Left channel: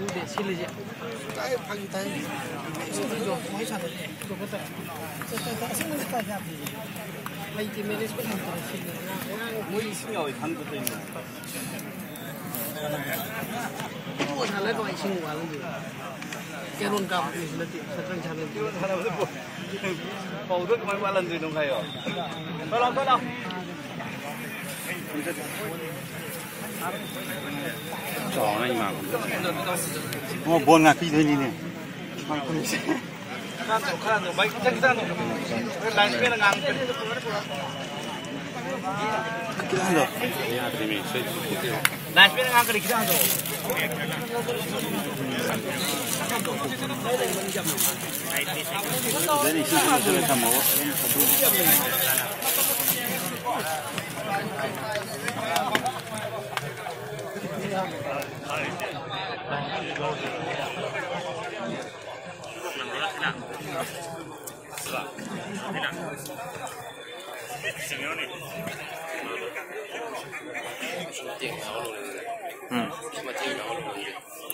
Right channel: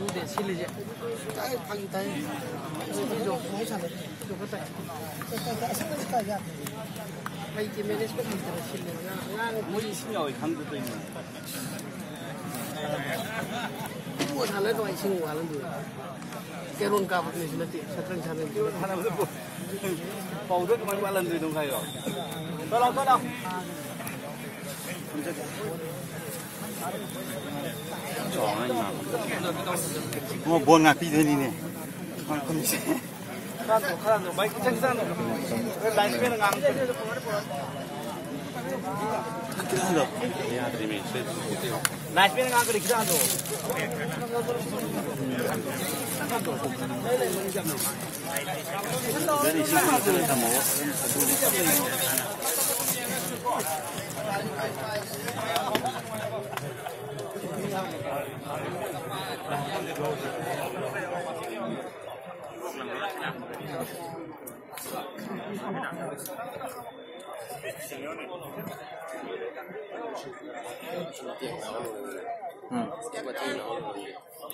Lu để xin lấy gì? Cái phăng tay. Đồ mấy sản đồ có tay. Cái xin ra. Mấy cái mình sẽ làm cái xin này. Mỗi xin rồi thằng tự tin này. Mua thằng lấy rồi xin qua luôn gì. Cái luôn cầm thì là tiền thật chân chân. Bầu rất mấy lần rồi đồng thầy rồi. Tôi lo. Chó này mà. Nó buồn ngạc khi thế này nè. Không không. Khăn rồi mấy cái chân ra rồi. Cái lái xe là ngang. Lái xe là ngang cái kia rồi. Đây là mình chậm. Đây là sự tham mộ.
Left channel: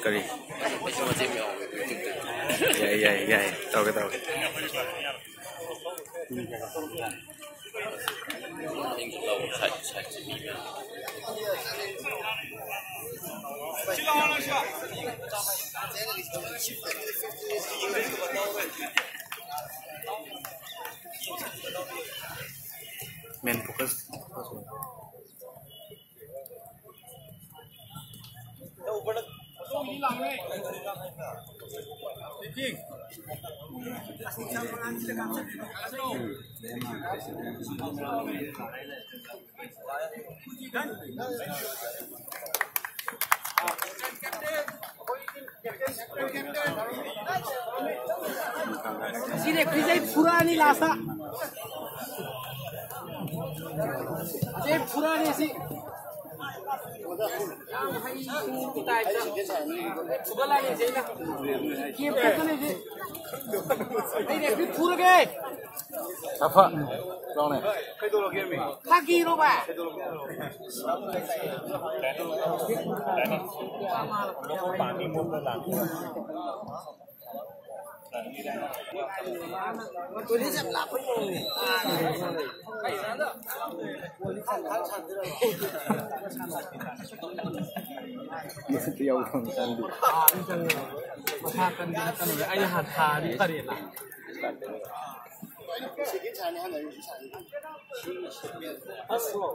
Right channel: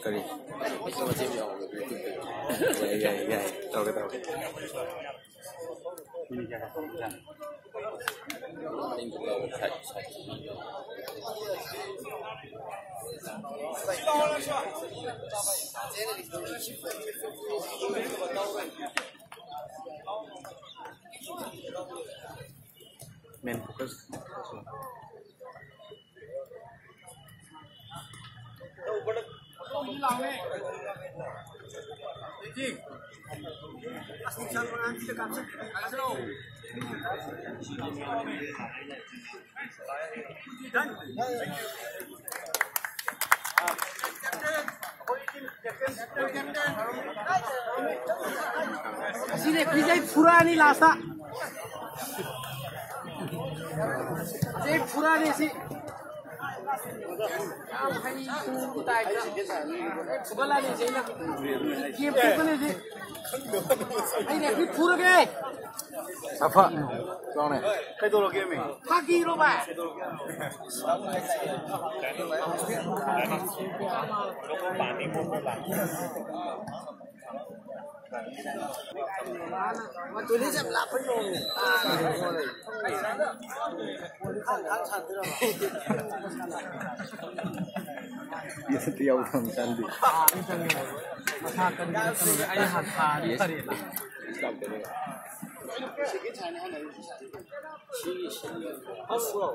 Cái gì? Vậy, tao cái tao. Main focus. Sini kijai purani lasa. Kijai purani si. Hai tu tai ka. Pugala ni jai na. Ye pugane si. Hai ne pi pura ke. Apa? Long này. Pagi ro ba. Tôi đi xem lạp với rồi. Tiêu không cần đi.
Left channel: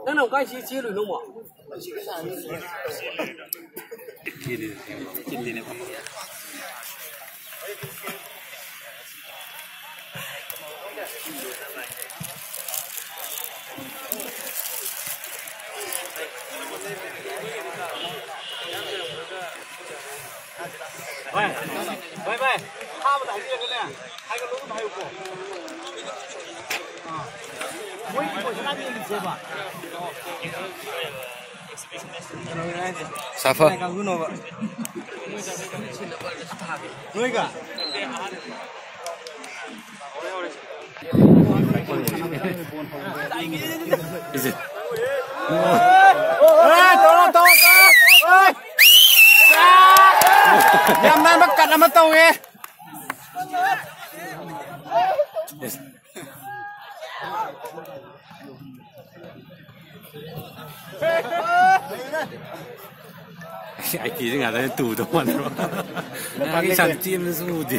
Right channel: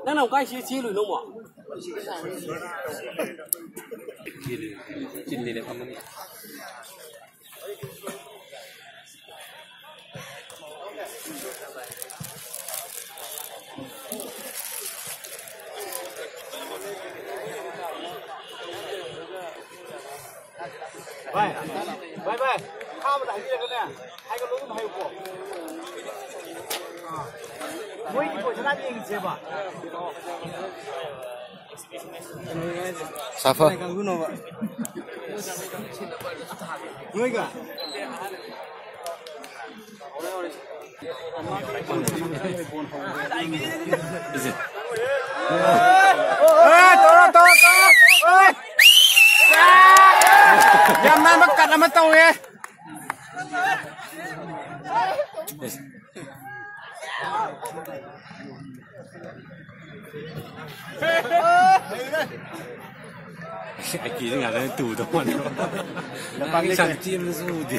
Nó nào cái chia rồi đúng không? Chín đi này không. Vậy, tha mà đánh gì cái này, hai cái lỗ này hay của, mỗi cái của chúng ta đi chơi吧. Safa. Người cả. Cái gì? To. Em nay bắt cắt mất tàu nghe. Ai kia ngả ra tủ đâu mà nó cái chẳng chim nó du đi.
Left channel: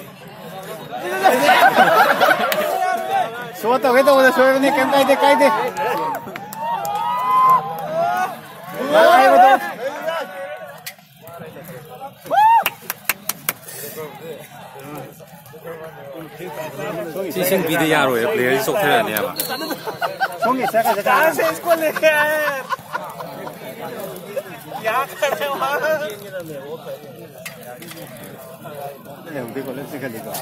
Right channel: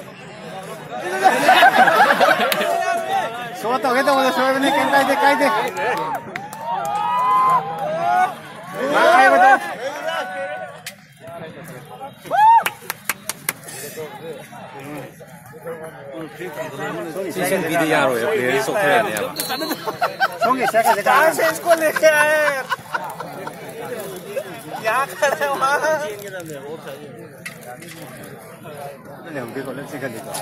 Số tàu cái tàu là số cái này cái đi. Chị xem video rồi, player sốc thế này à? Không nghĩ sẽ cái gì? Sẽ có này kìa. Giá cái này mà. Này một cái con nó chỉ cần đi qua.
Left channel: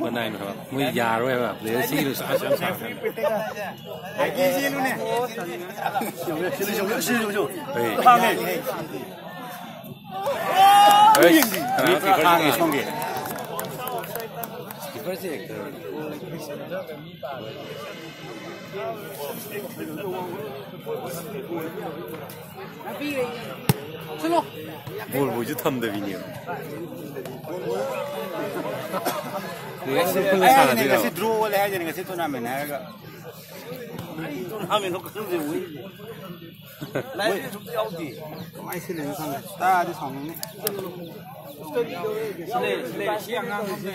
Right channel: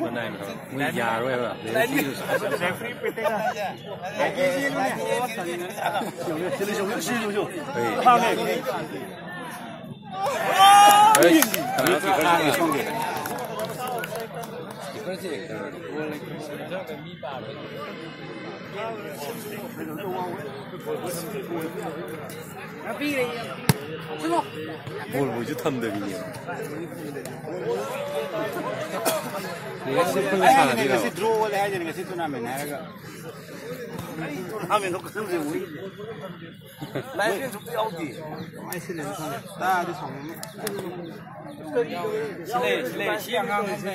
Bên này mà người già rồi mà, player gì rồi sao? Cái gì luôn nè. Đấy, thì có gì không kì? 不是，我就他们的比你。你看是碰上了这个。是draw来着，那个是多难没那个。哎，多难没都可能是无理。来这种标的，买起来的，大家的厂。是嘞，香港那边。